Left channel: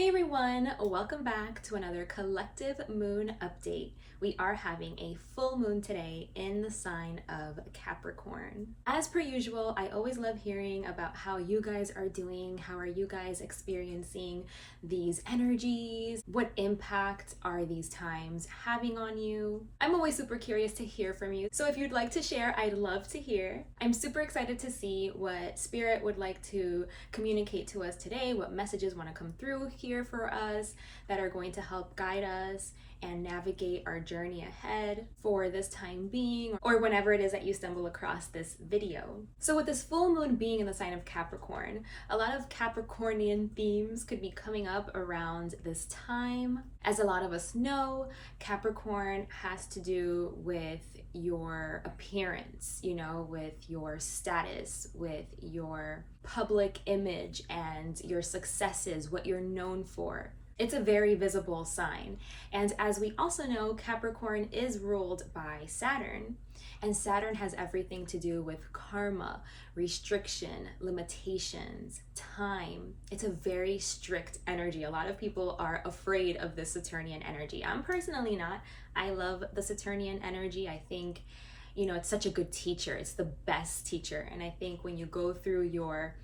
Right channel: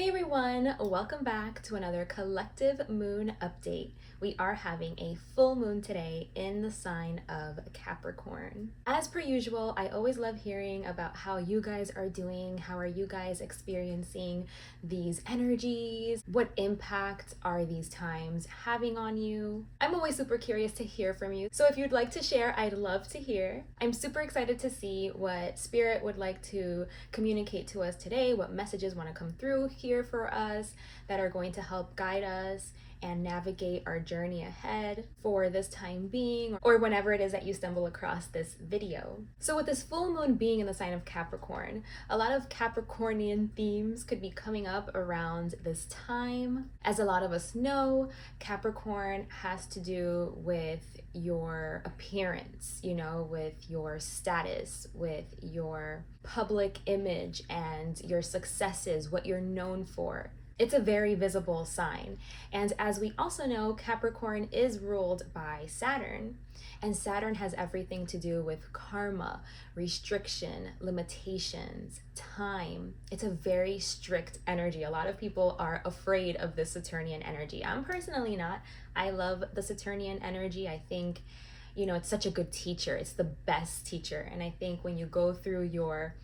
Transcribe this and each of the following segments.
Hey everyone, welcome back to another collective moon update. We are having a full moon today in the sign of Capricorn. As per usual, I always love hearing about how you guys are doing. How are you guys experiencing these energies? What impact are these times having on you? I'm always super curious to hear from you. So if you'd like to share, I'd love to hear. I'm super excited to see what Spirit would like to communicate to us today, what messages want to come through here for us that are going to help guide us and navigate our journey ahead for this time being, or whenever it is that you stumble across this video. So with this full moon being in the sign of Capricorn, a lot of Capricornian themes could be coming up around this time. As a lot of us know, Capricorn has to do with your appearance, with your status, with your public image and your successes, what you're known for. It's a very visible sign. And as we also know, Capricorn is ruled by Saturn, and Saturn has everything to do with karma, restriction, limitations, time. It's a very strict energy. A lot of people are afraid of this Saturnian energy. I'm personally not. I love the Saturnian energy. I think, it's such a good teacher. It's the best teacher. And I think when you go through your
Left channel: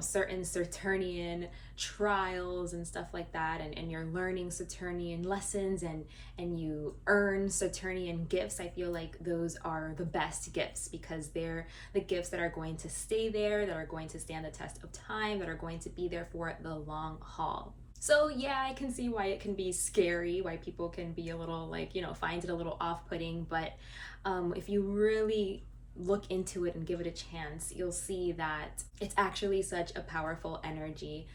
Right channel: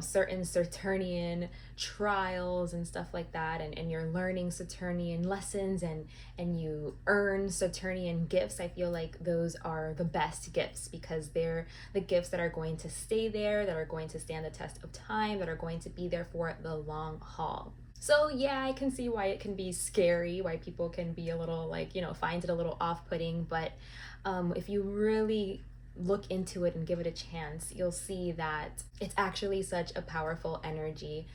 certain Saturnian trials and stuff like that, and you're learning Saturnian lessons and you earn Saturnian gifts, I feel like those are the best gifts because they're the gifts that are going to stay there, that are going to stand the test of time, that are going to be there for the long haul. So yeah, I can see why it can be scary, why people can be a little find it a little off-putting, but if you really look into it and give it a chance, you'll see that it's actually such a powerful energy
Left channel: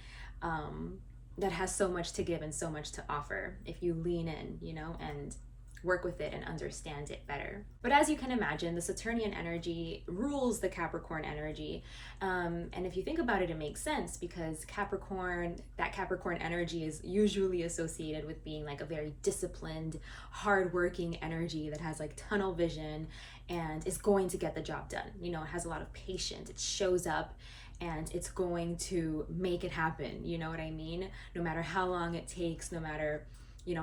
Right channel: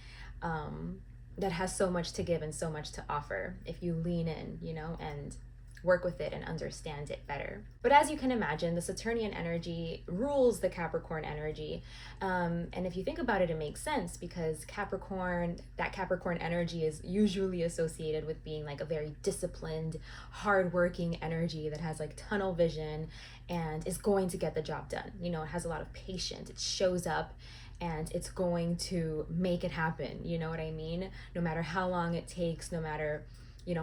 that has so much to give and so much to offer if you lean in, and work with it and understand it better. But as you can imagine, the Saturnian energy rules the Capricorn energy. And if you think about it, it makes sense because that Capricorn energy is usually associated with being like a very disciplined, hardworking energy that has like tunnel vision and is going to get the job done. It has a lot of patience. It shows up and it's going to make it happen. You know what I mean? No matter how long it takes, no matter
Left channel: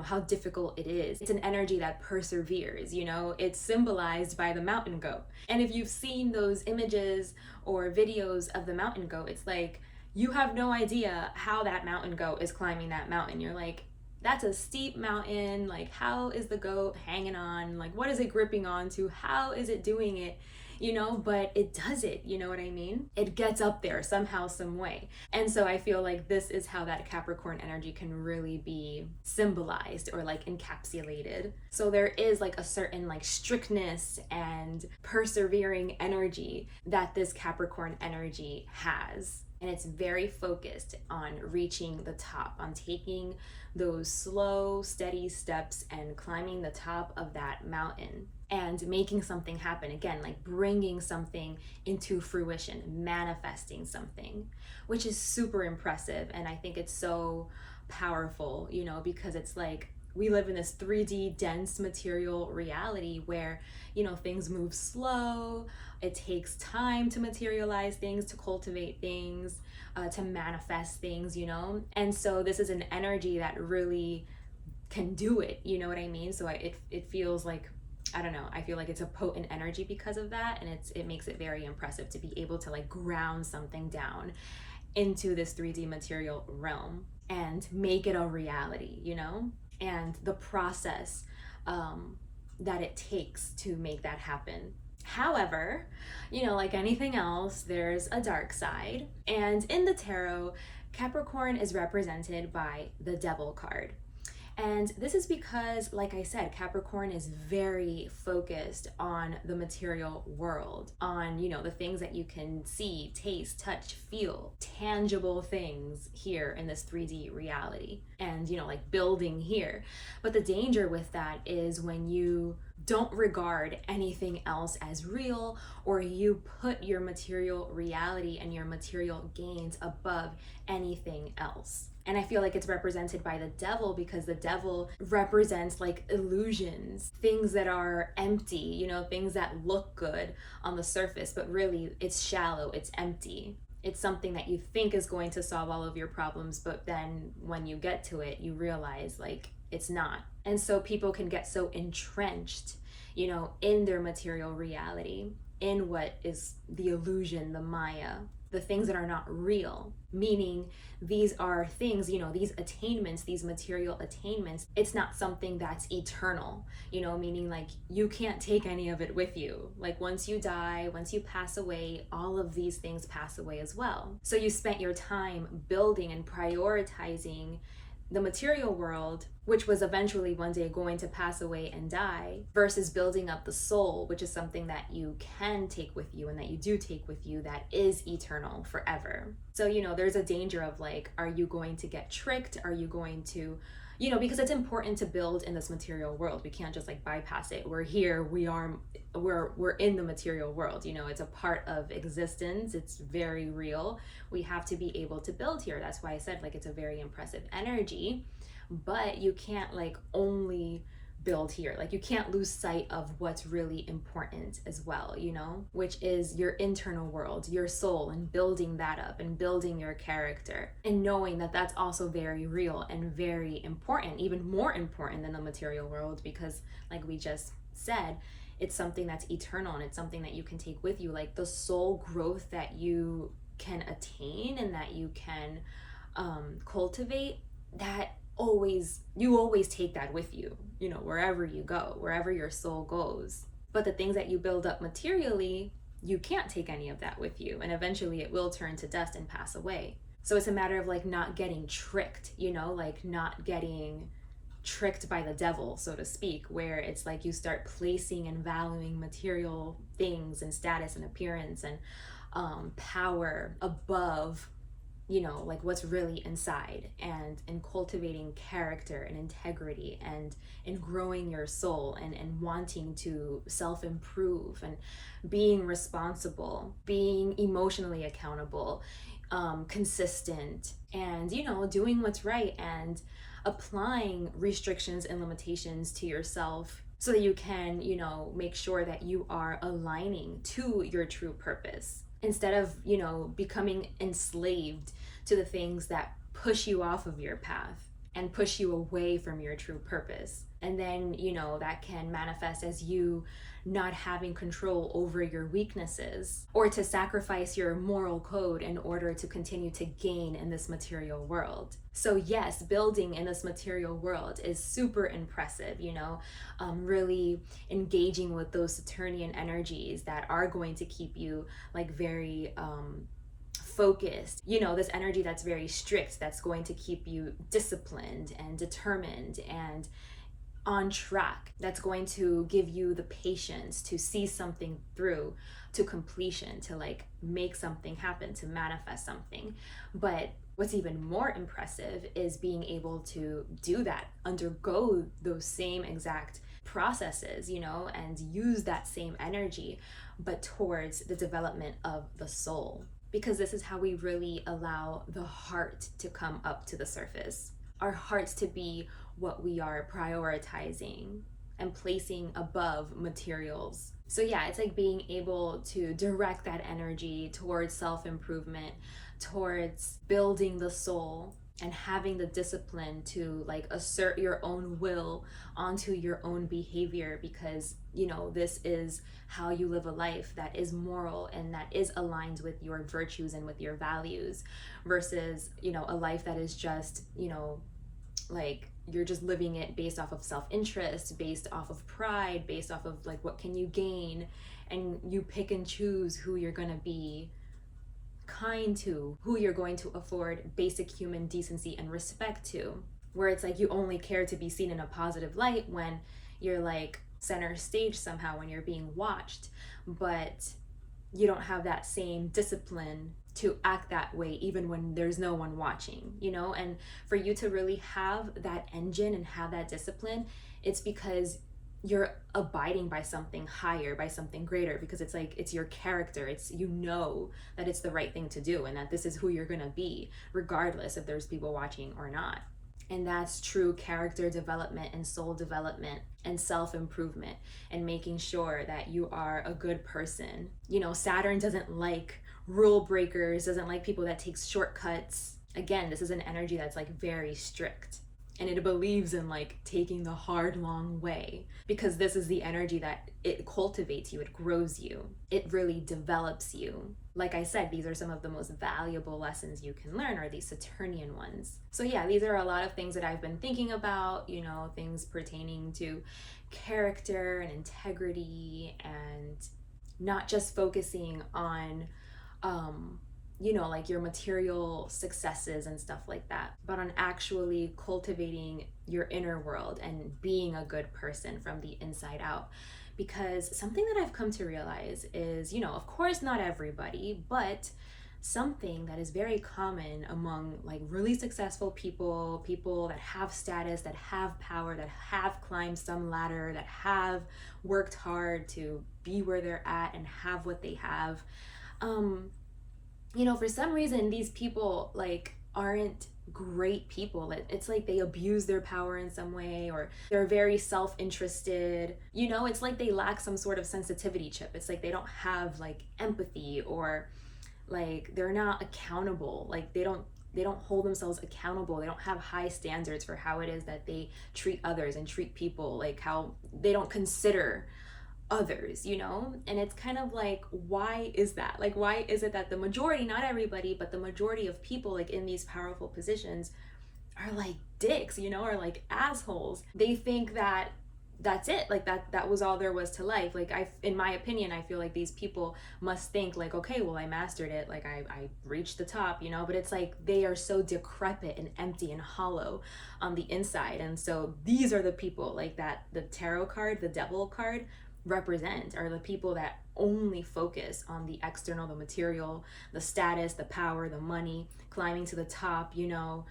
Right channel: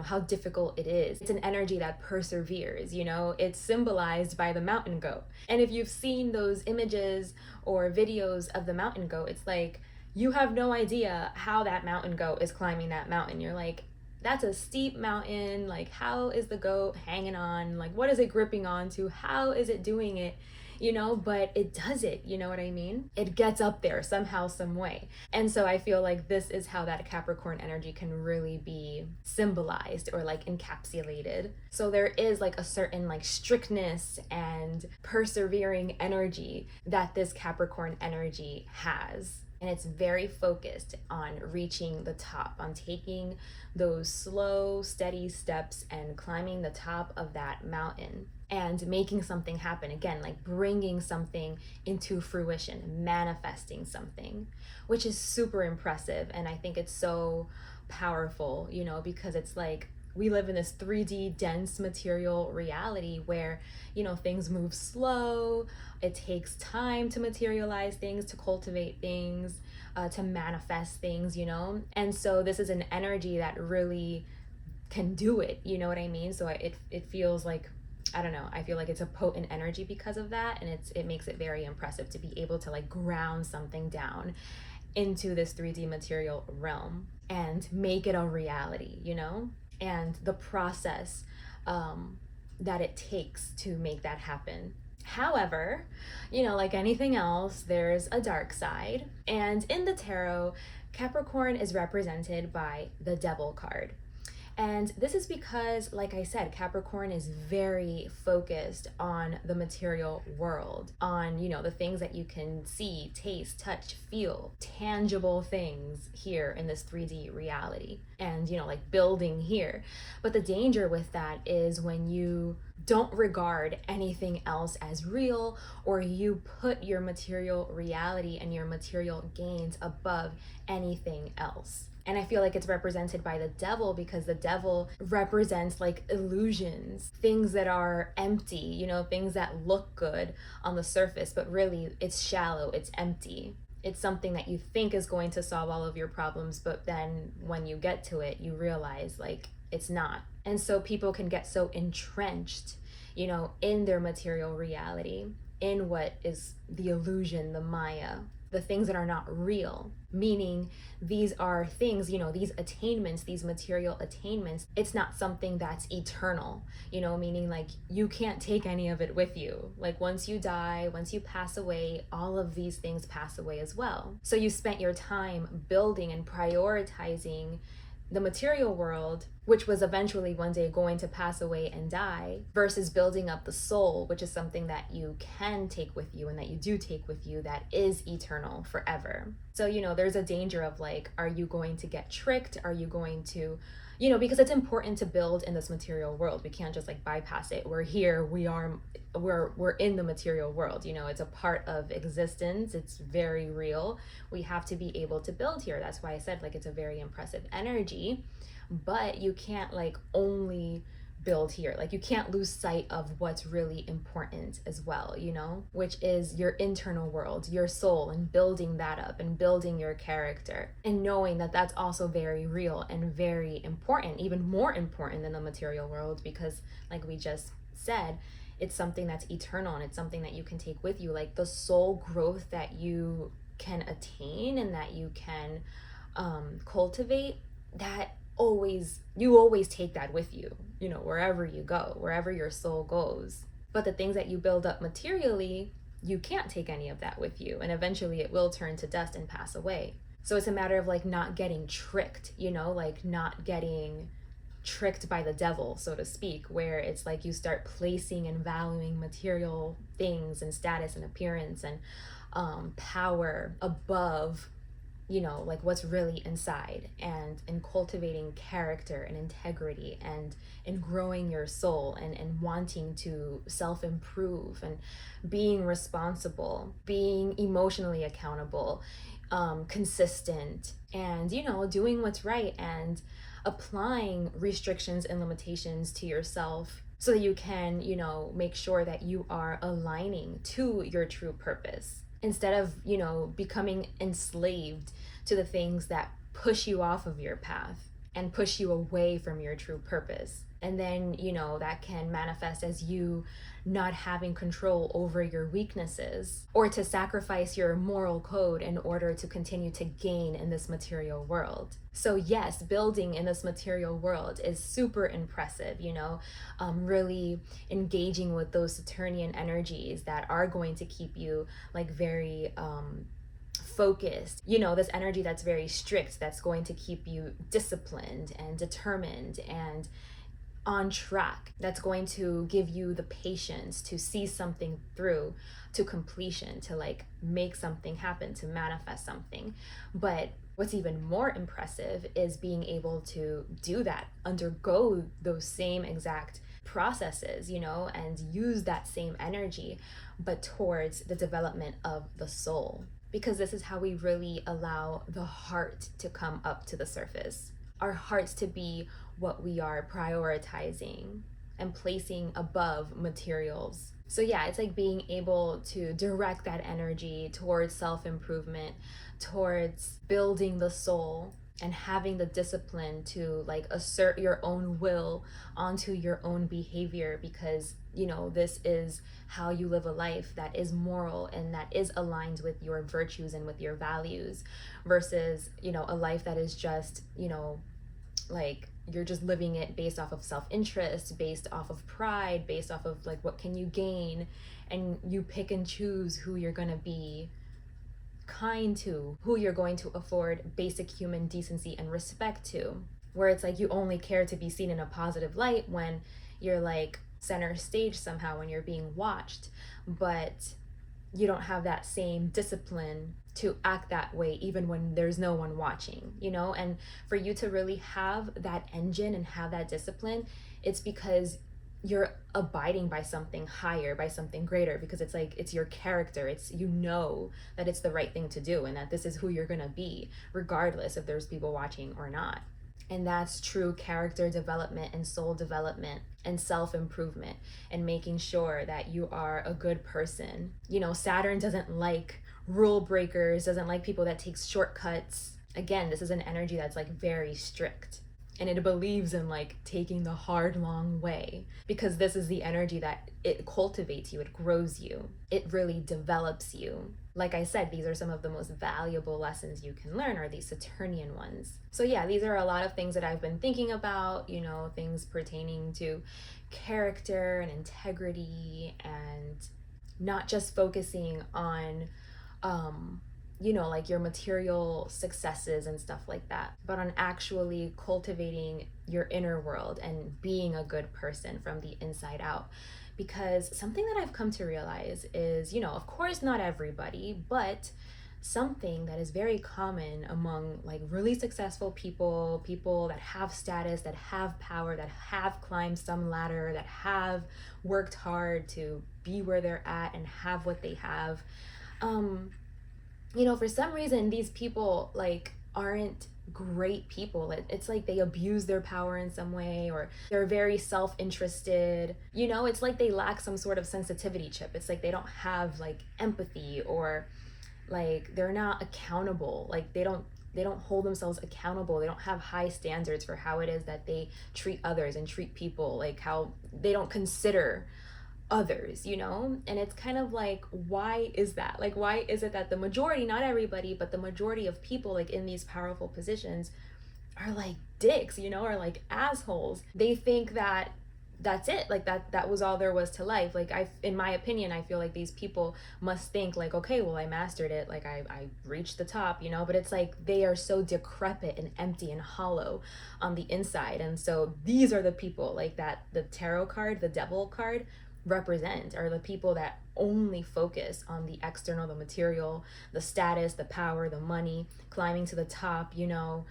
how difficult it is. It's an energy that perseveres, it's symbolized by the mountain goat. And if you've seen those images or videos of the mountain goat, it's like, you have no idea how that mountain goat is climbing that mountain. You're like, that's a steep mountain. Like, how is the goat hanging on? Like, what is it gripping onto? How is it doing it? But it does it, you know what I mean? It gets up there somehow, some way. And so I feel like this is how that Capricorn energy can really be symbolized or like encapsulated. So there is like a certain like strictness and persevering energy that this Capricorn energy has. And it's very focused on reaching the top, on taking those slow, steady steps and climbing the top of that mountain and making something happen. Again, like bringing something into fruition, manifesting something, which is super impressive. And I think it's so powerful, because it's like, we live in this 3D dense material reality where, things move slow. It takes time to materialize things, to cultivate things, to manifest things, And so this is an energy that really can do it, you know what I mean? So it feels like, I don't know, I feel like it's a potent energy because of that. And it makes it very impressive to be able to like ground something down into this 3D material realm and make it a reality, and the process that it takes to make that happen. However, like anything else, there's a dark side. And in the tarot, Capricorn is represented by the Devil card. And this is because, like I said, Capricorn is very focused on the material world, on, the things that you can see, taste, touch, feel, tangible things here in this 3D reality and, like building here. But the danger with that is when you don't regard anything else as real, or you put your material reality and your material gains above anything else. And I feel like it's represented by the devil because the devil represents like illusions, things that are empty, things that look good on the surface, but really it's shallow, it's empty. It's something that you think is going to solve all of your problems, but then when you get to it, you realize like it's not. And so people can get so entrenched, in their material reality, in what is the illusion, the Maya, the things that are not real, meaning these are things, these attainments, these material attainments, it's not something that's eternal, meaning like you can't take any of it with you. Like once you die, once you pass away, all of these things pass away as well. So you spent your time building and prioritizing the material world, which was eventually one day going to pass away and die, versus building up the soul, which is something that you can take with you and that you do take with you, that is eternal forever. So, there's a danger of like, are you going to get tricked? Are you going to, because it's important to build in this material world. We can't just like bypass it. We're here, we're in the material world, it's a part of existence. It's very real. We have to be able to build here. That's why I said like it's a very impressive energy, but you can't like only build here. Like you can't lose sight of what's really important as well, which is your internal world, your soul, and building that up and building your character, and knowing that that's also very real and very important, even more important than the material world, because like we just said, it's something that's eternal and it's something that you can take with you. Like the soul growth that you can attain and that you can cultivate, that you always take that with you, wherever you go, wherever your soul goes. But the things that you build up materially, you can't take any of that with you, and eventually it will turn to dust and pass away. So it's a matter of like not getting tricked, like not getting tricked by the devil, so to speak, where it's like you start placing and valuing material things and status and appearance and power above like what's really inside, and in cultivating character and integrity, and in growing your soul, and wanting to self-improve, and being responsible, being emotionally accountable, consistent, and doing what's right, and applying restrictions and limitations to yourself so that you can make sure that you are aligning to your true purpose, instead of becoming enslaved to the things that push you off of your path and push you away from your true purpose. And then that can manifest as you not having control over your weaknesses, or to sacrifice your moral code in order to continue to gain in this material world. So yes, building in this material world is super impressive, really engaging with those Saturnian energies that are going to keep you like very focused, this energy that's very strict, that's going to keep you disciplined and determined and on track, that's going to give you the patience to see something through to completion, to like make something happen, to manifest something. But what's even more impressive is being able to do that, undergo those same exact processes, and use that same energy, but towards the development of the soul. Because this is how we really allow the heart to come up to the surface. Our hearts to be what we are prioritizing and placing above materials. So yeah, it's like being able to direct that energy towards self-improvement, towards building the soul, and having the discipline to like assert your own will onto your own behavior, because this is how you live a life that is moral and that is aligned with your virtues and with your values, versus a life that is just like you're just living it based off of self-interest, based off of pride, based off of like what can you gain, and you pick and choose who you're going to be kind to, who you're going to afford basic human decency and respect to, where it's like you only care to be seen in a positive light when you're like center stage somehow, when you're being watched, but you don't have that same discipline to act that way even when there's no one watching, and for you to really have that engine and have that discipline, it's because you're abiding by something higher, by something greater, because it's like it's your character, it's that it's the right thing to do, and that this is who you're gonna be regardless if there's people watching or not. And that's true character development and soul development and self-improvement, and making sure that you are a good person. Saturn doesn't like rule breakers, doesn't like people that takes shortcuts. Again, this is an energy that's like very strict, and it believes in like taking the hard long way, because this is the energy that it cultivates you, it grows you, it really develops you. Like I said, these are some of the most valuable lessons you can learn, are these Saturnian ones. So yeah, these are a lot of things that I've been thinking about, you know, things pertaining to character and integrity, and not just focusing on you know, like your material successes and stuff like that, but on actually cultivating your inner world and being a good person from the inside out. Because something that I've come to realize is, you know, of course, not everybody, but something that is very common among like really successful people, people that have status, that have power, that have climbed some ladder, that have worked hard to be where they're at and have what they have. You know, for some reason, these people like aren't great people. It's like they abuse their power in some way, or they're very self-interested. You know, it's like they lack some sort of sensitivity chip. It's like they don't have like empathy, or like they're not accountable. Like they don't hold themselves accountable. They don't have high standards for how it is that they treat others and treat people, like how they don't consider others, you know? And it's kind of like, why is that? Like, why is it that the majority, not everybody, but the majority of people like in these powerful positions are like dicks, you know, are like assholes? They think that that's it, like that was all there was to life. Like, in my opinion, I feel like these people must think like, okay, well, I mastered it, like I reached the top, you know. But it's like they are so decrepit and empty and hollow on the inside. And so these are the people like that the tarot card, the devil card, represent, are the people that only focus on the external, the material, the status, the power, the money, climbing to the top, you know,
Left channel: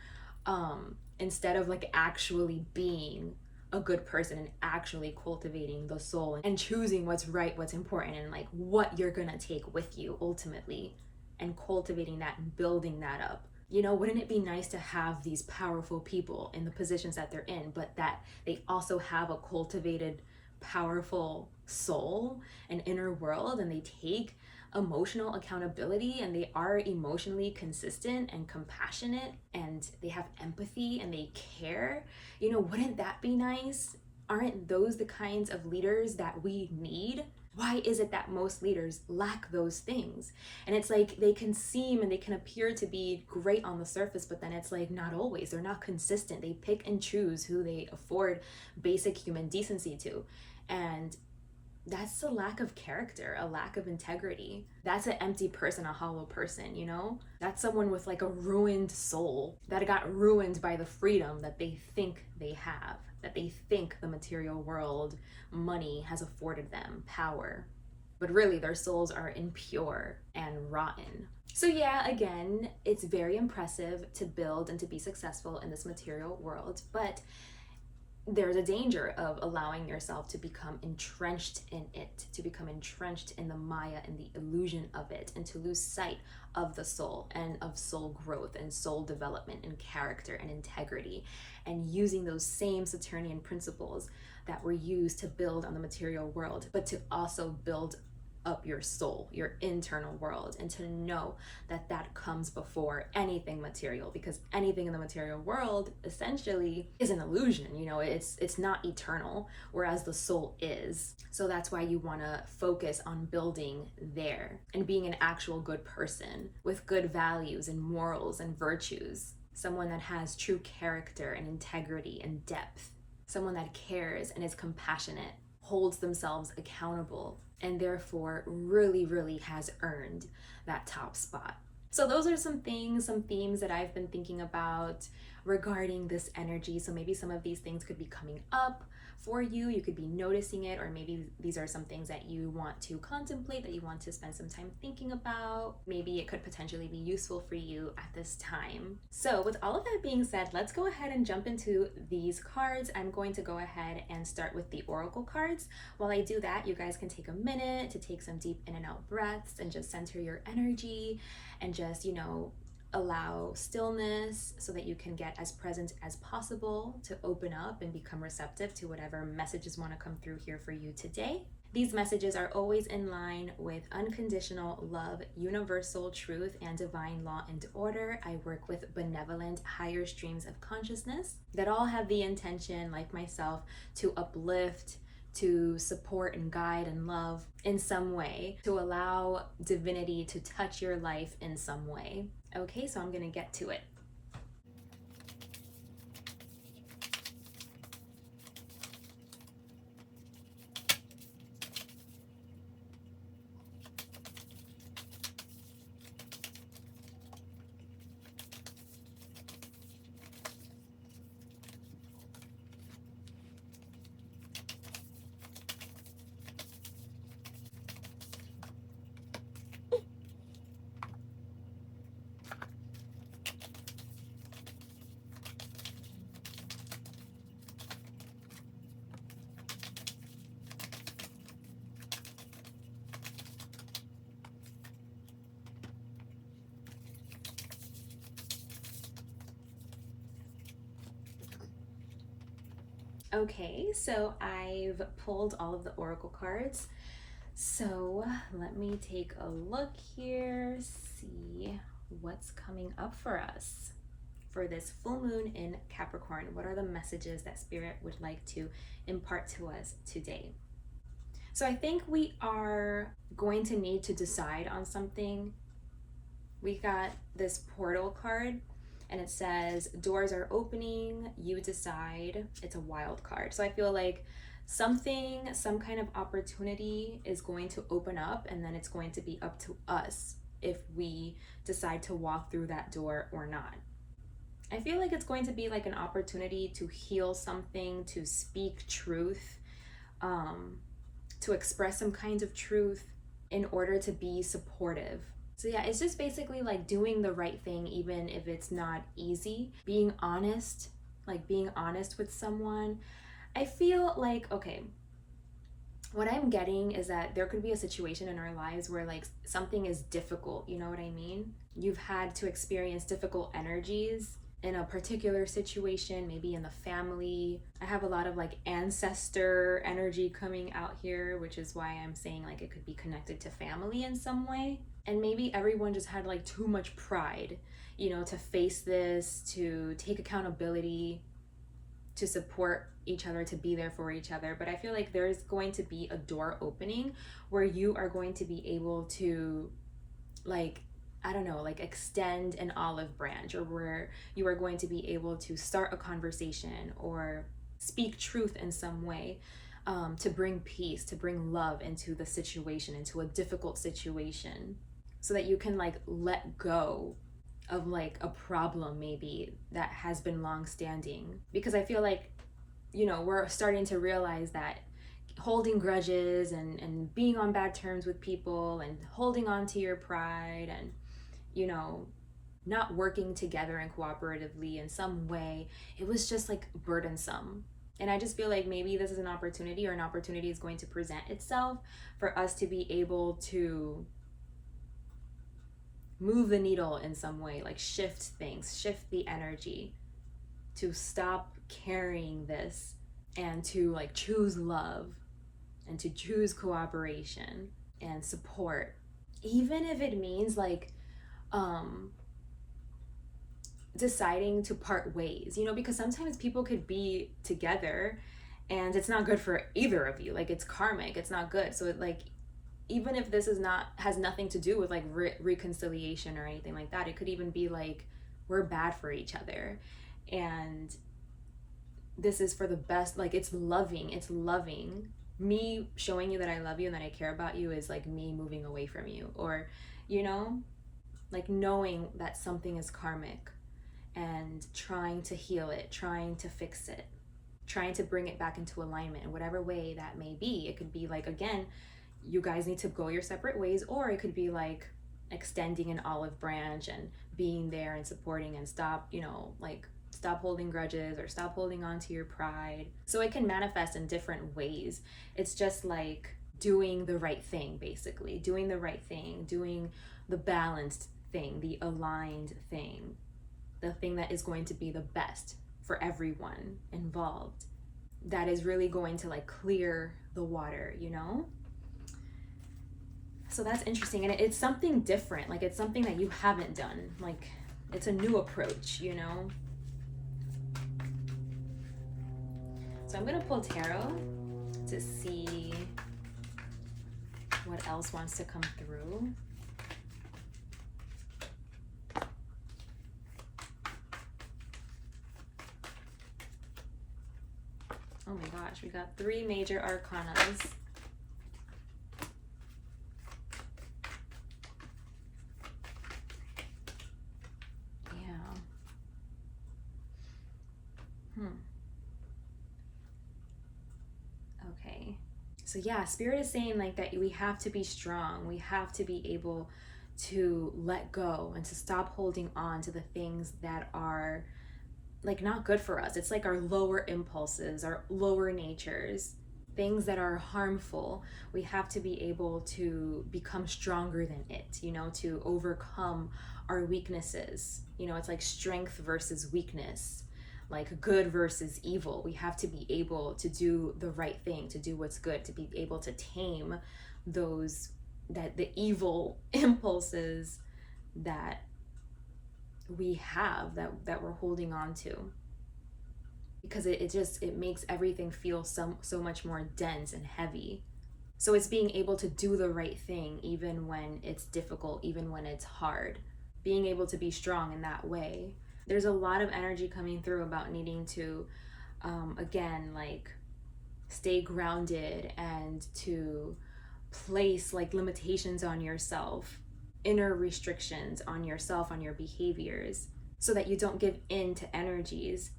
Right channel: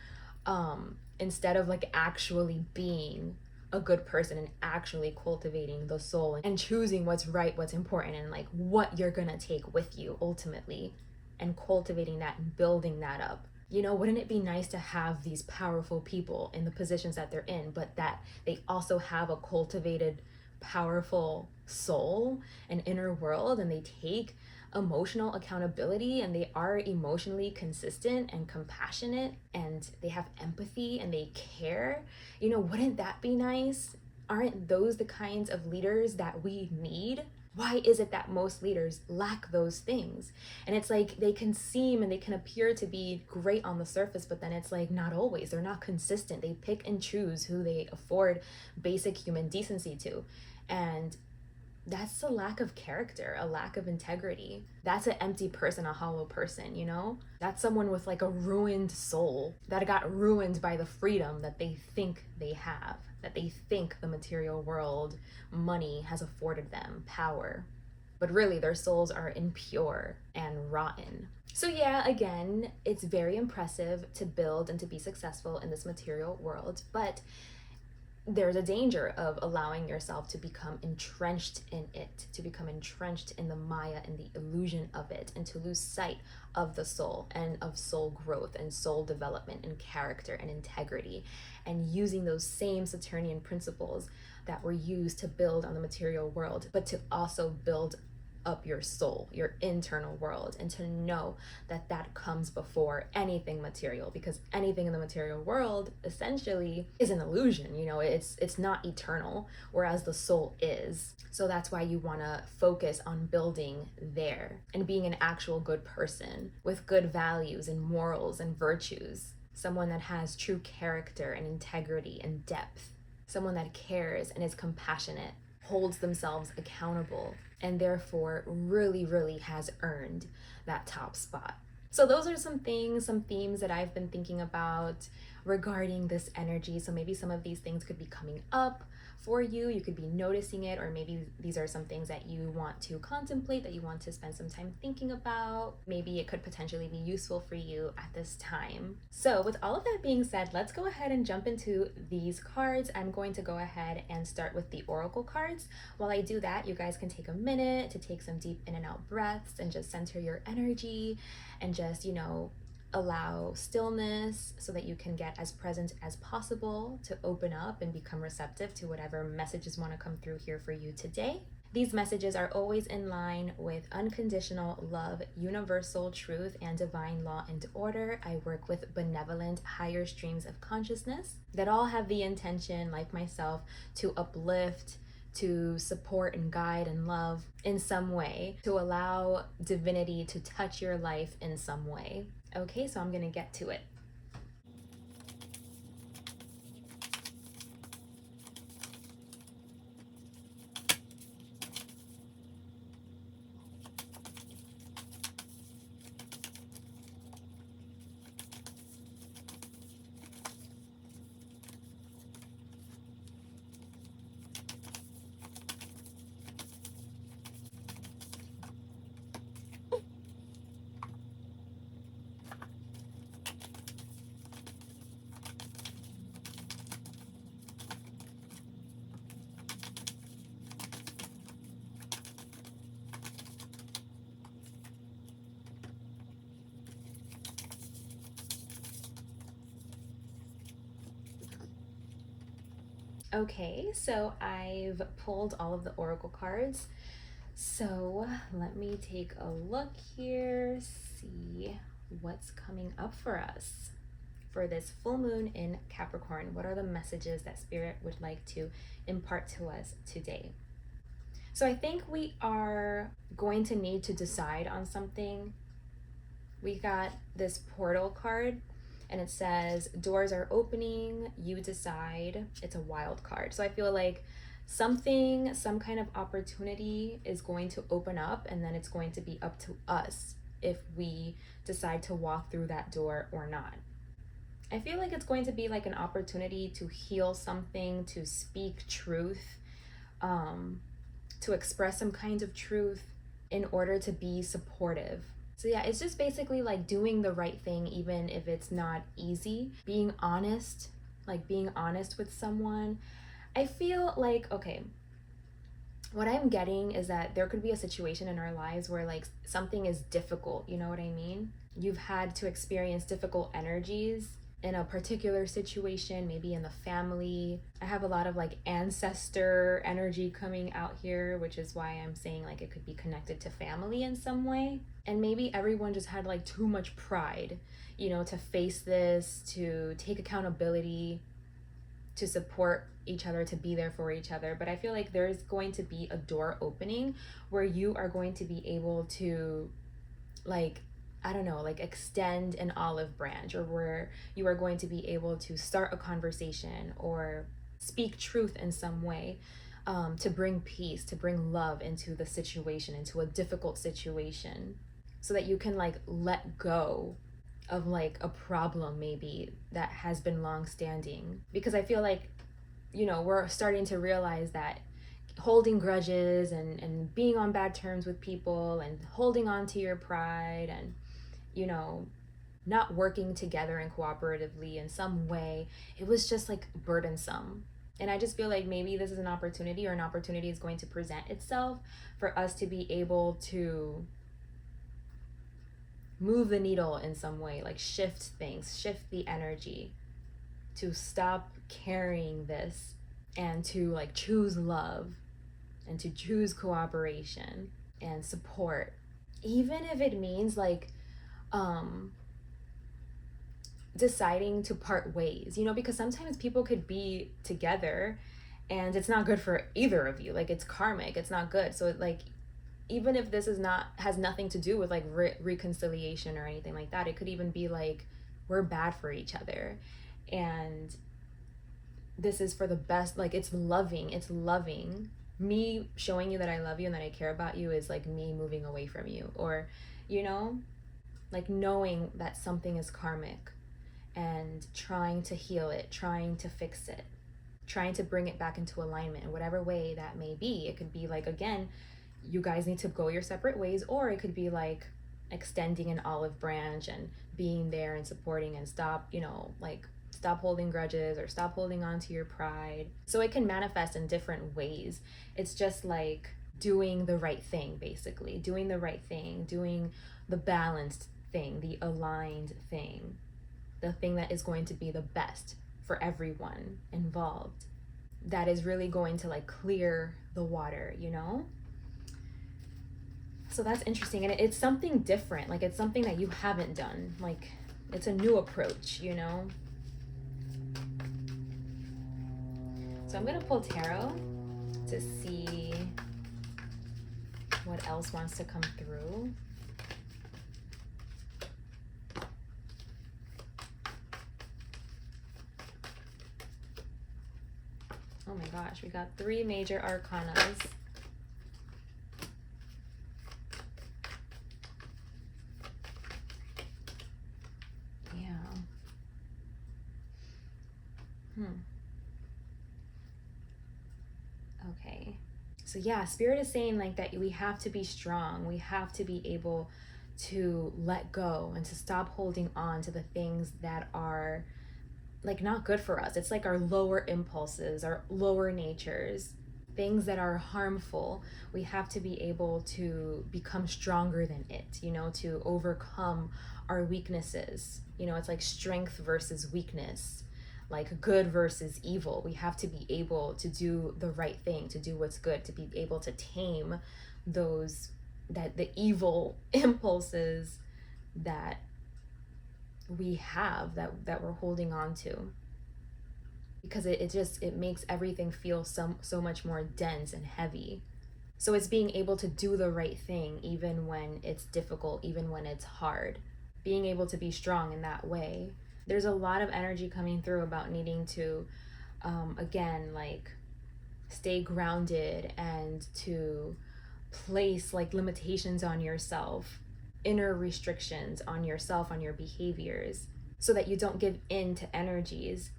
instead of like actually being a good person and actually cultivating the soul and choosing what's right, what's important, and like what you're gonna take with you ultimately, and cultivating that and building that up. You know, wouldn't it be nice to have these powerful people in the positions that they're in, but that they also have a cultivated, powerful soul and inner world, and they take emotional accountability, and they are emotionally consistent and compassionate, and they have empathy and they care? You know, wouldn't that be nice? Aren't those the kinds of leaders that we need? Why is it that most leaders lack those things? And it's like they can seem and they can appear to be great on the surface, but then it's like not always. They're not consistent. They pick and choose who they afford basic human decency to. And that's a lack of character, a lack of integrity. That's an empty person, a hollow person, you know? That's someone with like a ruined soul that got ruined by the freedom that they think they have, that they think the material world, money has afforded them, power. But really, their souls are impure and rotten. So yeah, again, it's very impressive to build and to be successful in this material world, but there's a danger of allowing yourself to become entrenched in it, to become entrenched in the Maya and the illusion of it, and to lose sight of the soul and of soul growth and soul development and character and integrity, and using those same Saturnian principles that were used to build on the material world, but to also build up your soul, your internal world, and to know that that comes before anything material, because anything in the material world essentially is an illusion. You know, it's not eternal, whereas the soul is. So that's why you want to focus on building there and being an actual good person with good values and morals and virtues, someone that has true character and integrity and depth, someone that cares and is compassionate, holds themselves accountable, and therefore really, really has earned that top spot. So those are some things, some themes that I've been thinking about regarding this energy. So maybe some of these things could be coming up for you. You could be noticing it, or maybe these are some things that you want to contemplate, that you want to spend some time thinking about. Maybe it could potentially be useful for you at this time. So with all of that being said, let's go ahead and jump into these cards. I'm going to go ahead and start with the oracle cards. While I do that, you guys can take a minute to take some deep in and out breaths and just center your energy and just, you know, allow stillness so that you can get as present as possible to open up and become receptive to whatever messages want to come through here for you today. These messages are always in line with unconditional love, universal truth, and divine law and order. I work with benevolent, higher streams of consciousness that all have the intention, like myself, to uplift, to support and guide and love in some way, to allow divinity to touch your life in some way. Okay, so I'm gonna get to it. Okay, so I've pulled all of the oracle cards. So let me take a look here, see what's coming up for us for this full moon in Capricorn. What are the messages that Spirit would like to impart to us today? So I think we are going to need to decide on something. We got this portal card and it says doors are opening, you decide. It's a wild card. So I feel like some kind of opportunity is going to open up, and then it's going to be up to us if we decide to walk through that door or not. I feel like it's going to be like an opportunity to heal something, to speak truth, to express some kinds of truth in order to be supportive. So yeah, it's just basically like doing the right thing, even if it's not easy. Being honest, like being honest with someone. I feel like, okay, what I'm getting is that there could be a situation in our lives where like something is difficult, you know what I mean? You've had to experience difficult energies in a particular situation, maybe in the family. I have a lot of like ancestor energy coming out here, which is why I'm saying like it could be connected to family in some way. And maybe everyone just had like too much pride, you know, to face this, to take accountability, to support each other, to be there for each other. But I feel like there is going to be a door opening where you are going to be able to, like, I don't know, like extend an olive branch, or where you are going to be able to start a conversation or speak truth in some way, to bring peace, to bring love into the situation, into a difficult situation, so that you can like let go of like a problem maybe that has been long standing. Because I feel like, you know, we're starting to realize that holding grudges and being on bad terms with people and holding on to your pride and, you know, not working together and cooperatively in some way, it was just like burdensome. And I just feel like maybe this is an opportunity, or an opportunity is going to present itself for us to be able to move the needle in some way, like shift things, shift the energy, to stop carrying this and to like choose love and to choose cooperation and support, even if it means like deciding to part ways, you know, because sometimes people could be together and it's not good for either of you. Like it's karmic, it's not good. So like, even if this is not, has nothing to do with like reconciliation or anything like that, it could even be like we're bad for each other and this is for the best. Like it's loving. Me showing you that I love you and that I care about you is like me moving away from you, or, you know, like knowing that something is karmic and trying to heal it, trying to fix it, trying to bring it back into alignment in whatever way that may be. It could be like, again, you guys need to go your separate ways, or it could be like extending an olive branch and being there and supporting, and stop, you know, like stop holding grudges or stop holding on to your pride. So it can manifest in different ways. It's just like doing the right thing, basically doing the right thing, doing the balanced thing, the aligned thing, the thing that is going to be the best for everyone involved, that is really going to like clear the water, you know? So that's interesting. And it's something different. Like, it's something that you haven't done. Like, it's a new approach, you know? So I'm going to pull tarot to see what else wants to come through. Oh my gosh, we got 3 major arcanas. Okay. So yeah, Spirit is saying like that we have to be strong. We have to be able to let go and to stop holding on to the things that are like not good for us. It's like our lower impulses, our lower natures, things that are harmful. We have to be able to become stronger than it, you know, to overcome our weaknesses. You know, it's like strength versus weakness, like good versus evil. We have to be able to do the right thing, to do what's good, to be able to tame those, that the evil impulses that we have, that we're holding on to, because it makes everything feel so much more dense and heavy. So it's being able to do the right thing even when it's difficult, even when it's hard, being able to be strong in that way. There's a lot of energy coming through about needing to again, like, stay grounded and to place like limitations on yourself, inner restrictions on yourself, on your behaviors, so that you don't give in to energies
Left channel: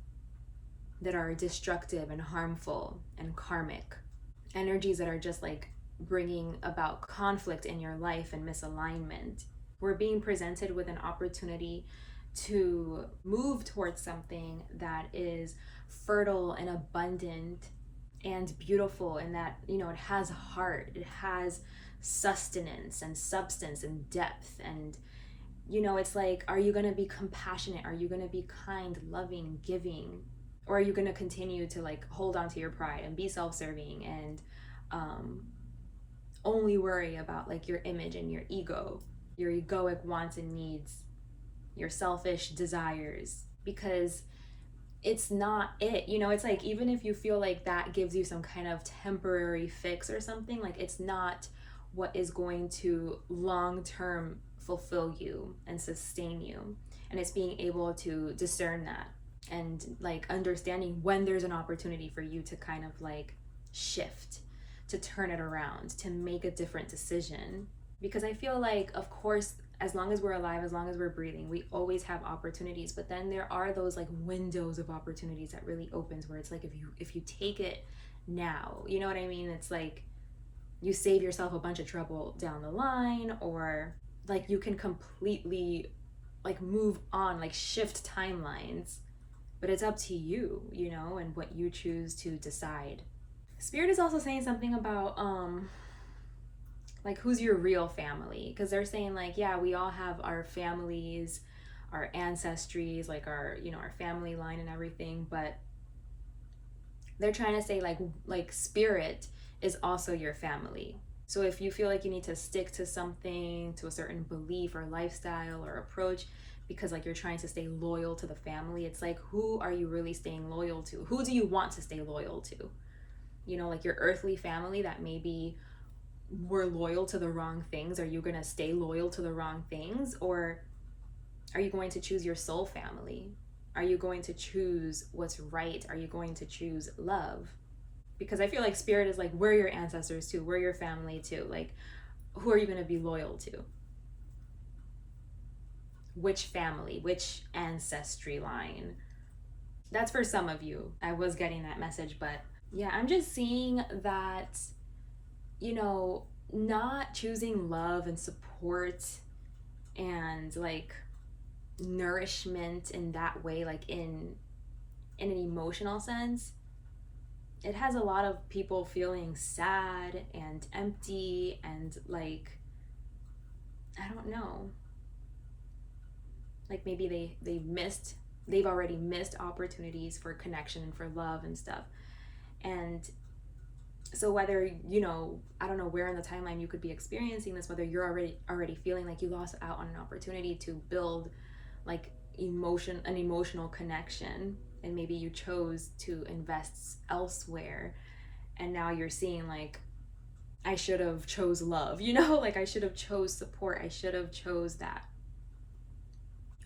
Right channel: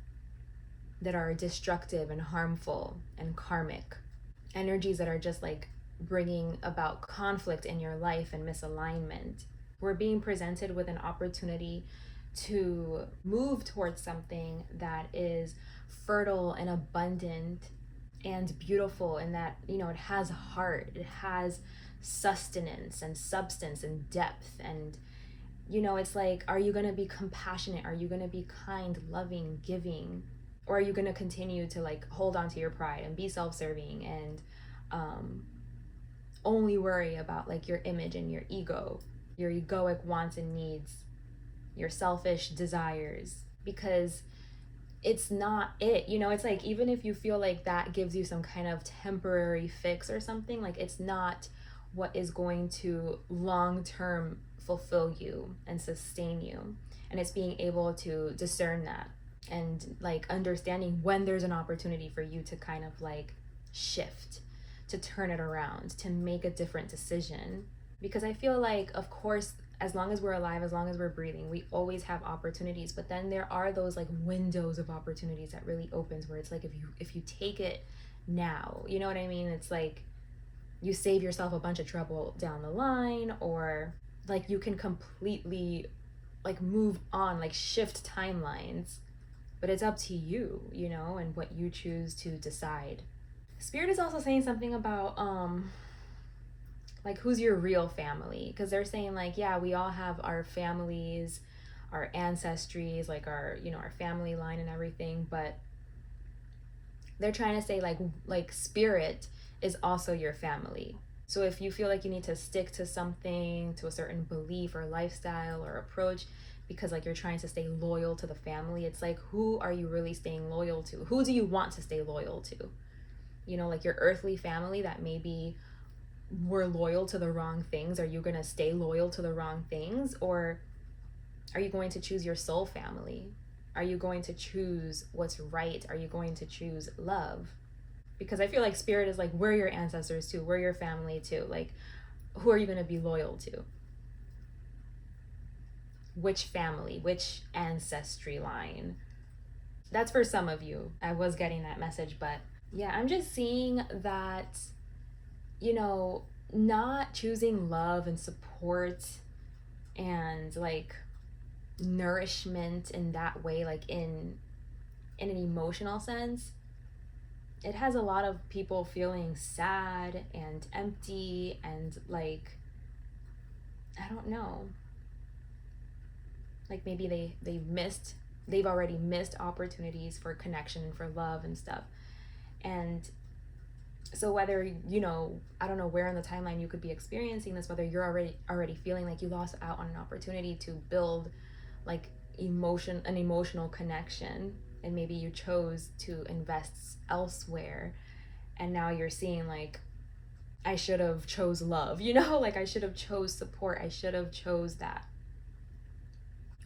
that are destructive and harmful and karmic, energies that are just like bringing about conflict in your life and misalignment. We're being presented with an opportunity to move towards something that is fertile and abundant and beautiful, and that, you know, it has heart, it has sustenance and substance and depth. And, you know, it's like, are you going to be compassionate? Are you going to be kind, loving, giving? Or are you going to continue to like hold on to your pride and be self-serving and only worry about like your image and your ego, your egoic wants and needs, your selfish desires? Because it's not it, you know. It's like, even if you feel like that gives you some kind of temporary fix or something, like, it's not what is going to long term fulfill you and sustain you. And it's being able to discern that, and like understanding when there's an opportunity for you to kind of like shift, to turn it around, to make a different decision. Because I feel like, of course, as long as we're alive, as long as we're breathing, we always have opportunities. But then there are those like windows of opportunities that really opens, where it's like, if you take it now, you know what I mean? It's like you save yourself a bunch of trouble down the line, or like you can completely like move on, like shift timelines. But it's up to you, you know, and what you choose to decide. Spirit is also saying something about like, who's your real family? Because they're saying like, yeah, we all have our families, our ancestries, like our, you know, our family line and everything. But they're trying to say like spirit is also your family. So if you feel like you need to stick to something, to a certain belief or lifestyle or approach, because like you're trying to stay loyal to the family, it's like, who are you really staying loyal to? Who do you want to stay loyal to? You know, like your earthly family that maybe were loyal to the wrong things. Are you going to stay loyal to the wrong things? Or are you going to choose your soul family? Are you going to choose what's right? Are you going to choose love? Because I feel like spirit is like, we're your ancestors too, we're your family too. Like, who are you going to be loyal to? Which family, which ancestry line? That's for some of you. I was getting that message, but yeah, I'm just seeing that, you know, not choosing love and support and like nourishment in that way, like in an emotional sense, it has a lot of people feeling sad and empty and like, I don't know, like maybe they've already missed opportunities for connection and for love and stuff. And So whether, I don't know where in the timeline you could be experiencing this, whether you're already feeling like you lost out on an opportunity to build like an emotional connection, and maybe you chose to invest elsewhere, and now you're seeing like, I should have chose love, like I should have chose support, I should have chose that.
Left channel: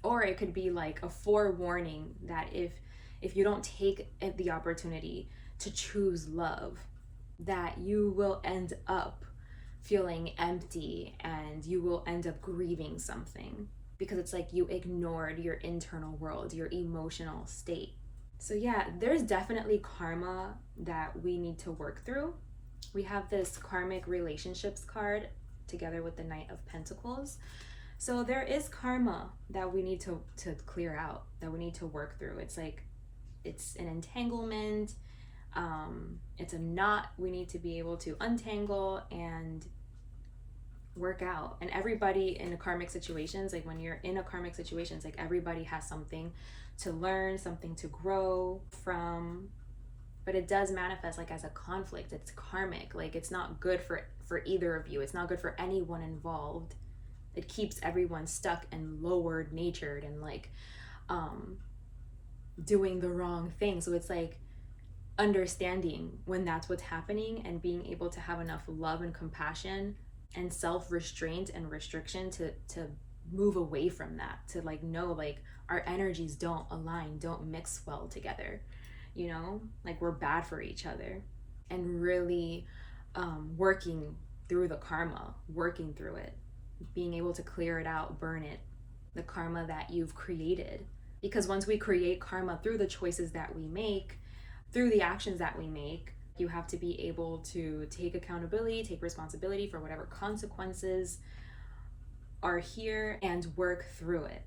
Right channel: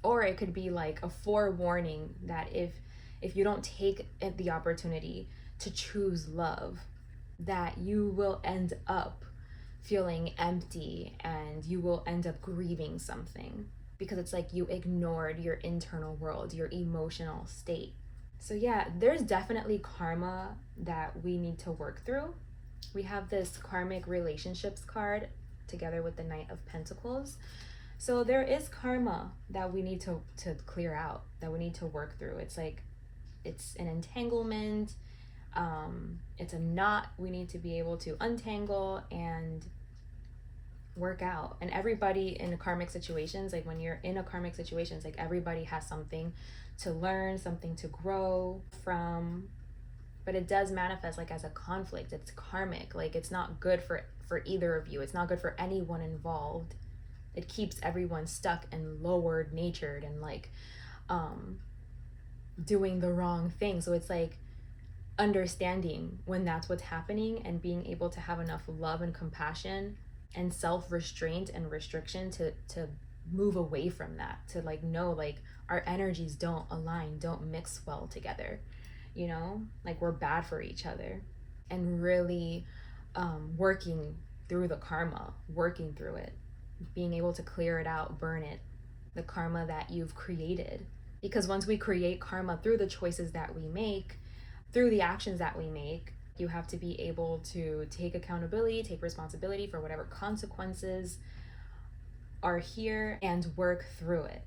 Or it could be like a forewarning that if you don't take the opportunity to choose love, that you will end up feeling empty and you will end up grieving something, because it's like you ignored your internal world, your emotional state. So yeah, there's definitely karma that we need to work through. We have this karmic relationships card together with the Knight of Pentacles. So there is karma that we need to clear out, that we need to work through. It's like, it's an entanglement, it's a knot we need to be able to untangle and work out. And everybody in karmic situations, like when you're in a karmic situation, it's like everybody has something to learn, something to grow from. But it does manifest like as a conflict. It's karmic. Like it's not good for either of you. It's not good for anyone involved. It keeps everyone stuck and lowered natured and like doing the wrong thing. So it's like understanding when that's what's happening and being able to have enough love and compassion and self-restraint and restriction to move away from that, to like know like our energies don't align, don't mix well together, like we're bad for each other. And really working through the karma, working through it, being able to clear it out, burn it, the karma that you've created. Because once we create karma through the choices that we make, through the actions that we make, you have to be able to take accountability, take responsibility for whatever consequences are here and work through it.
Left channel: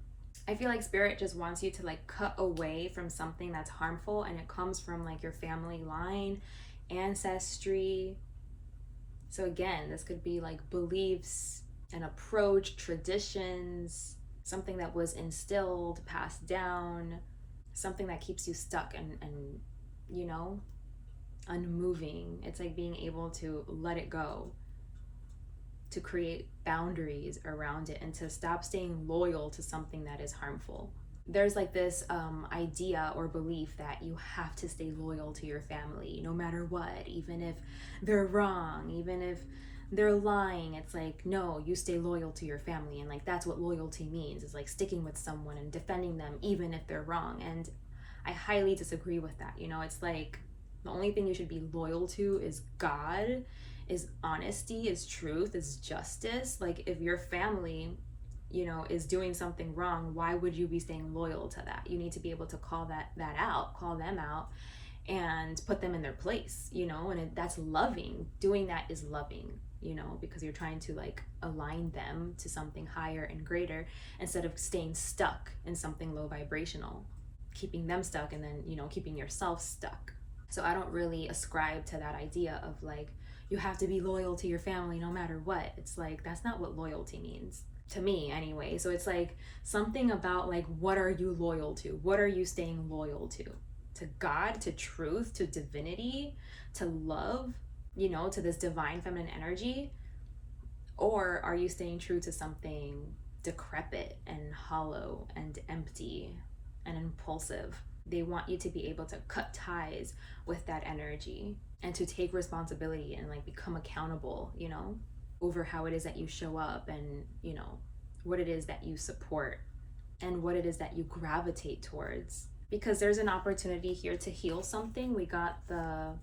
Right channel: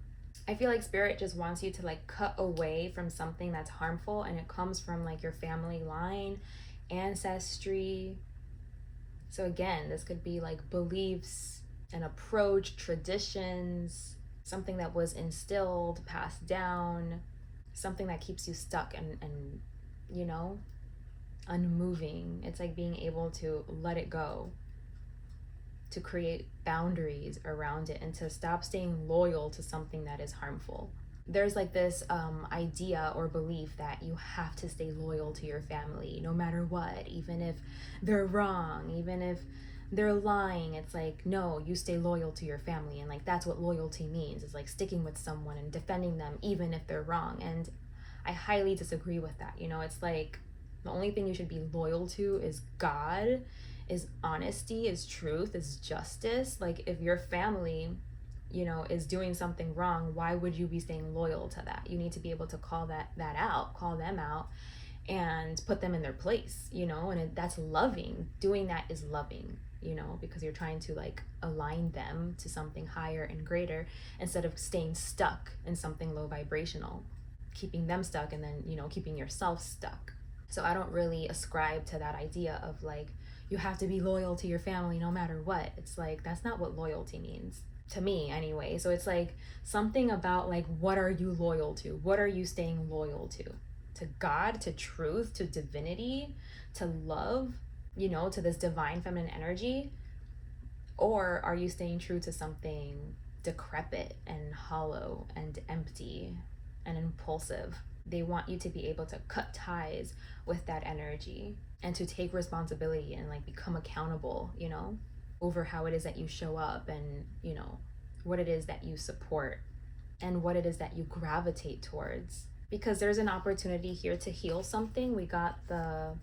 I feel like spirit just wants you to like cut away from something that's harmful, and it comes from like your family line, ancestry. So again, this could be like beliefs, an approach, traditions, something that was instilled, passed down, something that keeps you stuck and unmoving. It's like being able to let it go, to create boundaries around it, and to stop staying loyal to something that is harmful. There's like this idea or belief that you have to stay loyal to your family no matter what, even if they're wrong, even if they're lying. It's like, no, you stay loyal to your family. And like that's what loyalty means, is like sticking with someone and defending them even if they're wrong. And I highly disagree with that. It's like the only thing you should be loyal to is God, is honesty, is truth, is justice. Like if your family, is doing something wrong, why would you be staying loyal to that? You need to be able to call that out, call them out, and put them in their place, and that's loving. Doing that is loving, because you're trying to like align them to something higher and greater, instead of staying stuck in something low vibrational, keeping them stuck and then, keeping yourself stuck. So I don't really ascribe to that idea of like, you have to be loyal to your family no matter what. It's like, that's not what loyalty means to me anyway. So it's like something about like, what are you loyal to? What are you staying loyal to? To God, to truth, to divinity, to love, to this divine feminine energy? Or are you staying true to something decrepit and hollow and empty and impulsive? They want you to be able to cut ties with that energy and to take responsibility and like become accountable, over how it is that you show up, and, what it is that you support and what it is that you gravitate towards. Because there's an opportunity here to heal something. We got the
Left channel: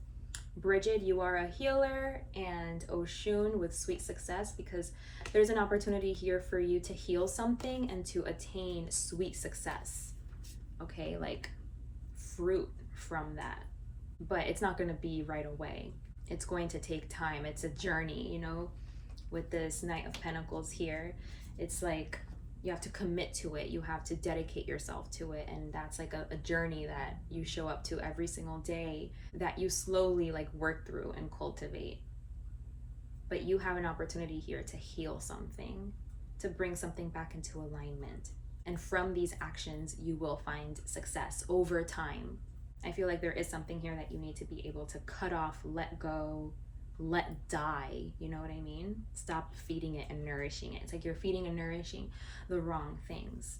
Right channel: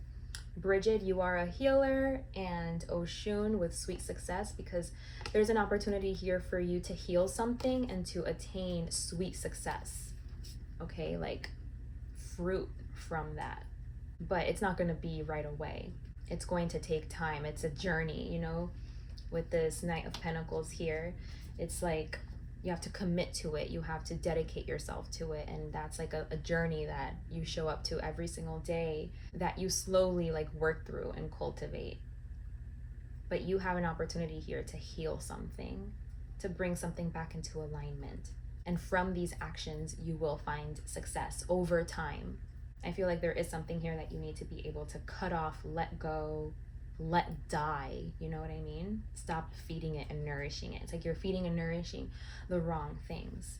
Bridget, you are a healer, and Oshun with sweet success, because there's an opportunity here for you to heal something and to attain sweet success. Okay, like fruit from that. But it's not going to be right away. It's going to take time. It's a journey, with this Knight of Pentacles here. It's like you have to commit to it. You have to dedicate yourself to it. And that's like a journey that you show up to every single day, that you slowly like work through and cultivate. But you have an opportunity here to heal something, to bring something back into alignment. And from these actions, you will find success over time. I feel like there is something here that you need to be able to cut off, let go, let die. You know what I mean? Stop feeding it and nourishing it. It's like you're feeding and nourishing the wrong things.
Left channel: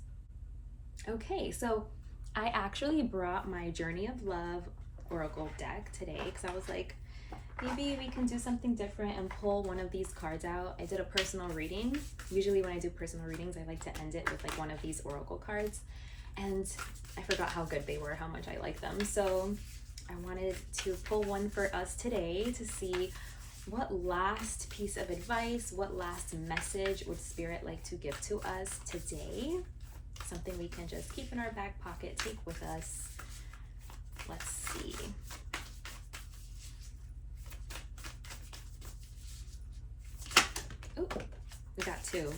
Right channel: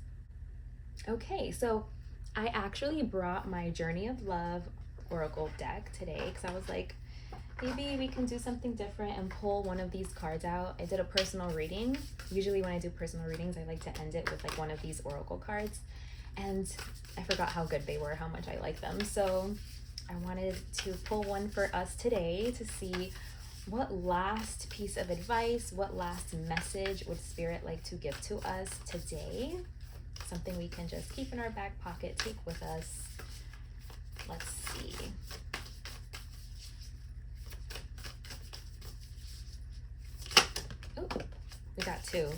Okay, so I actually brought my Journey of Love Oracle deck today because I was like, maybe we can do something different and pull one of these cards out. I did a personal reading. Usually when I do personal readings, I like to end it with like one of these Oracle cards. And I forgot how good they were, how much I like them. So I wanted to pull one for us today to see what last piece of advice, what last message would Spirit like to give to us today? Something we can just keep in our back pocket, take with us. Let's see. Oh, we got two.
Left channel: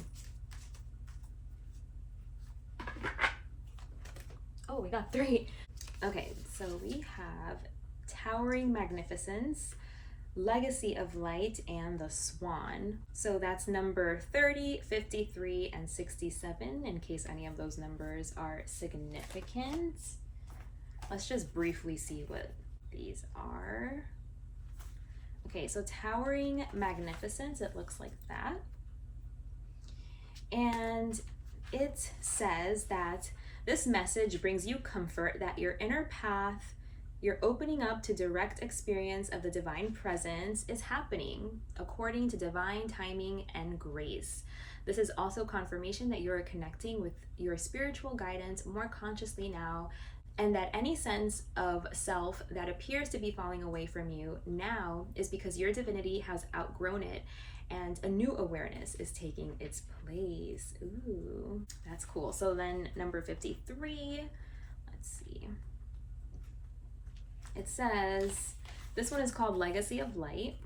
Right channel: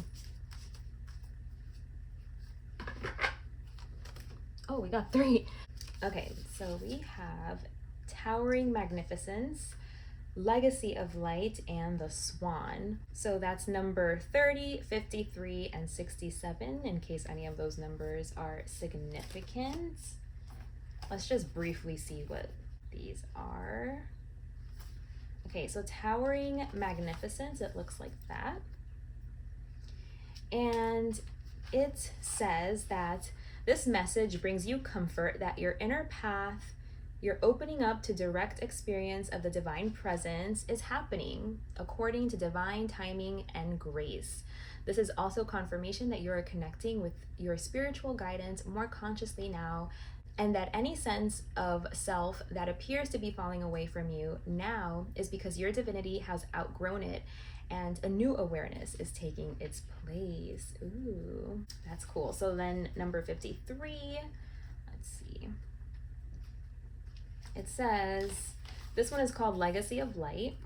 Oh, we got three. Okay, so we have Towering Magnificence, Legacy of Light, and the Swan. So that's number 30, 53, and 67, in case any of those numbers are significant. Let's just briefly see what these are. Okay, so Towering Magnificence, it looks like that. And it says that this message brings you comfort that your inner path, your opening up to direct experience of the divine presence is happening according to divine timing and grace. This is also confirmation that you are connecting with your spiritual guidance more consciously now, and that any sense of self that appears to be falling away from you now is because your divinity has outgrown it and a new awareness is taking its place. Ooh, that's cool. So then number 53, let's see. It says, this one is called Legacy of Light.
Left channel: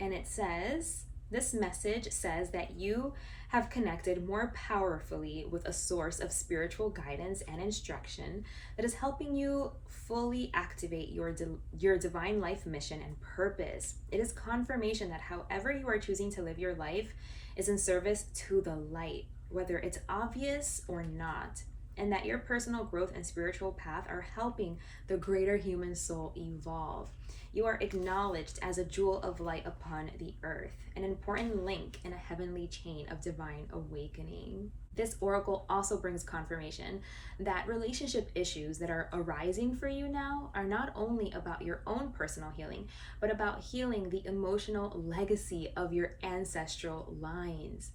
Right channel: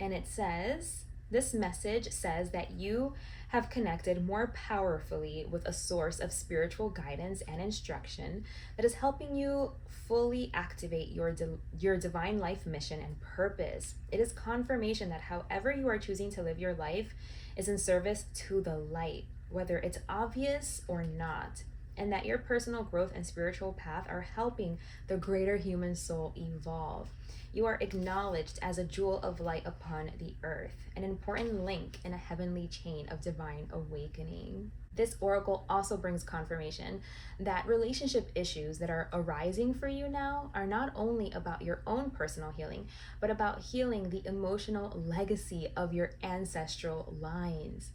And it says, this message says that you have connected more powerfully with a source of spiritual guidance and instruction that is helping you fully activate your divine life mission and purpose. It is confirmation that however you are choosing to live your life is in service to the light, whether it's obvious or not, and that your personal growth and spiritual path are helping the greater human soul evolve. You are acknowledged as a jewel of light upon the earth, an important link in a heavenly chain of divine awakening. This oracle also brings confirmation that relationship issues that are arising for you now are not only about your own personal healing, but about healing the emotional legacy of your ancestral lines.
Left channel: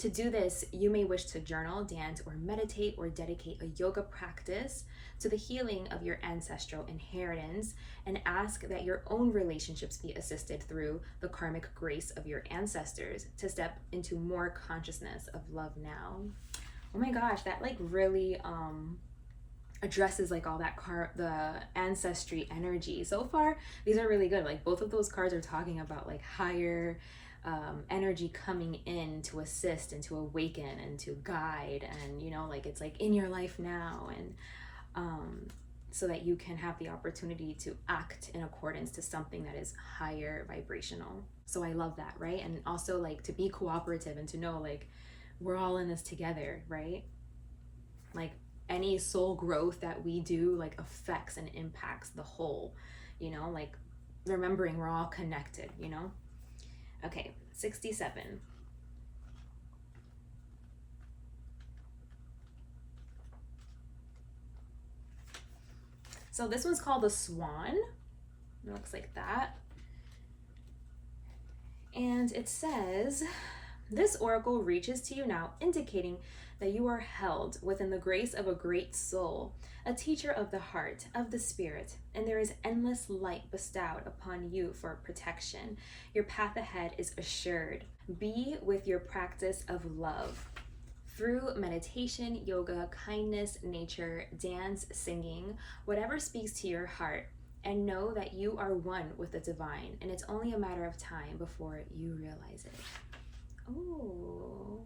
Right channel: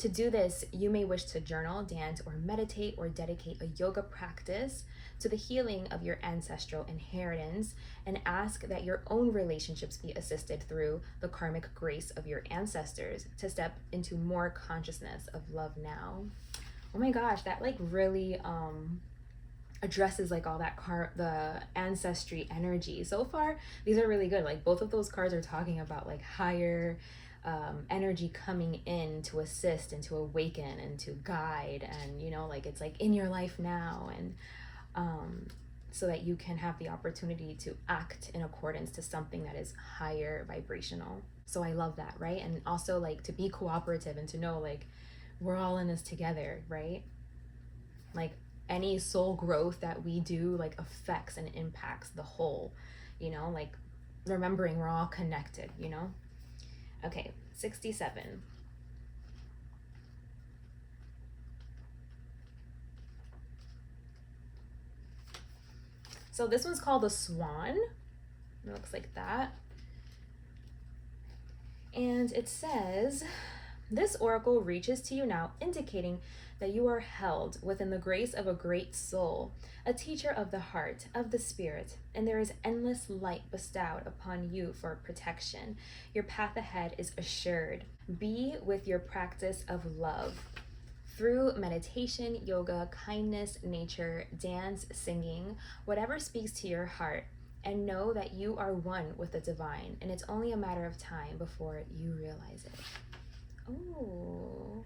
To do this, you may wish to journal, dance, or meditate, or dedicate a yoga practice to the healing of your ancestral inheritance, and ask that your own relationships be assisted through the karmic grace of your ancestors to step into more consciousness of love now. Oh my gosh, that like really addresses like all that the ancestry energy. So far, these are really good. Like both of those cards are talking about like higher energy coming in to assist and to awaken and to guide, and you know, like it's like in your life now, and so that you can have the opportunity to act in accordance to something that is higher vibrational. So I love that, right? And also like to be cooperative and to know like we're all in this together, right? Like any soul growth that we do like affects and impacts the whole, you know, like remembering we're all connected, you know? Okay, 67. So this one's called the Swan. It looks like that. And it says, this oracle reaches to you now, indicating that you are held within the grace of a great soul, a teacher of the heart, of the spirit, and there is endless light bestowed upon you for protection. Your path ahead is assured. Be with your practice of love. Through meditation, yoga, kindness, nature, dance, singing, whatever speaks to your heart, and know that you are one with the divine, and it's only a matter of time before you realize it. Oh.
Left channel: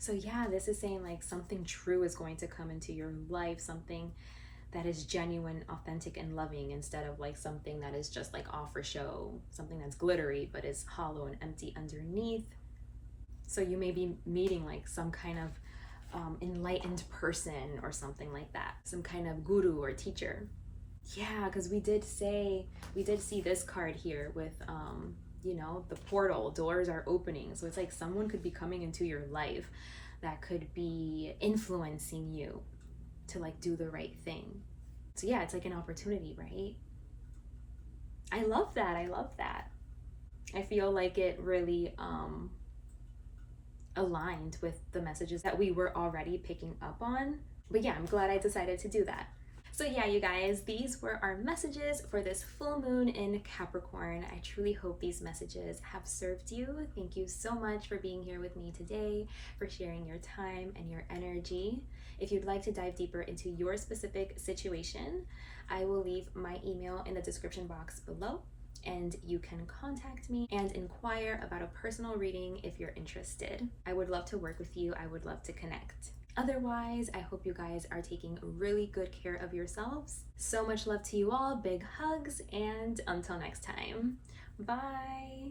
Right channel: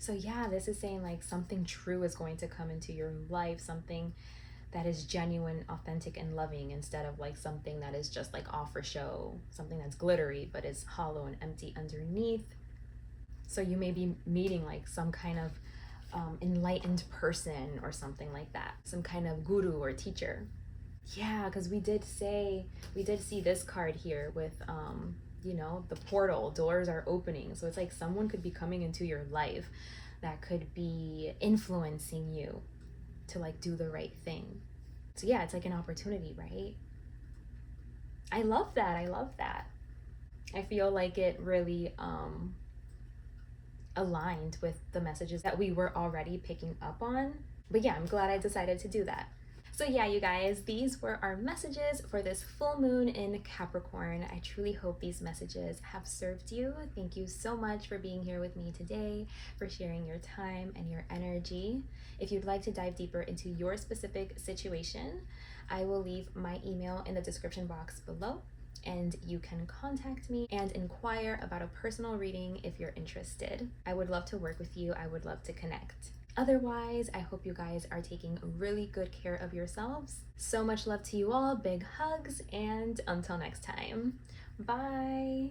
So yeah, this is saying like something true is going to come into your life, something that is genuine, authentic, and loving, instead of like something that is just like off for show, something that's glittery but is hollow and empty underneath. So you may be meeting like some kind of enlightened person or something like that, some kind of guru or teacher. Yeah, because we did see this card here with you know, the portal, doors are opening. So it's like someone could be coming into your life that could be influencing you to like do the right thing. So yeah, it's like an opportunity, right? I love that. I love that. I feel like it really aligned with the messages that we were already picking up on. But yeah, I'm glad I decided to do that. So yeah, you guys, these were our messages for this full moon in Capricorn. I truly hope these messages have served you. Thank you so much for being here with me today, for sharing your time and your energy. If you'd like to dive deeper into your specific situation, I will leave my email in the description box below, and you can contact me and inquire about a personal reading if you're interested. I would love to work with you. I would love to connect. Otherwise, I hope you guys are taking really good care of yourselves. So much love to you all, big hugs, and until next time, bye.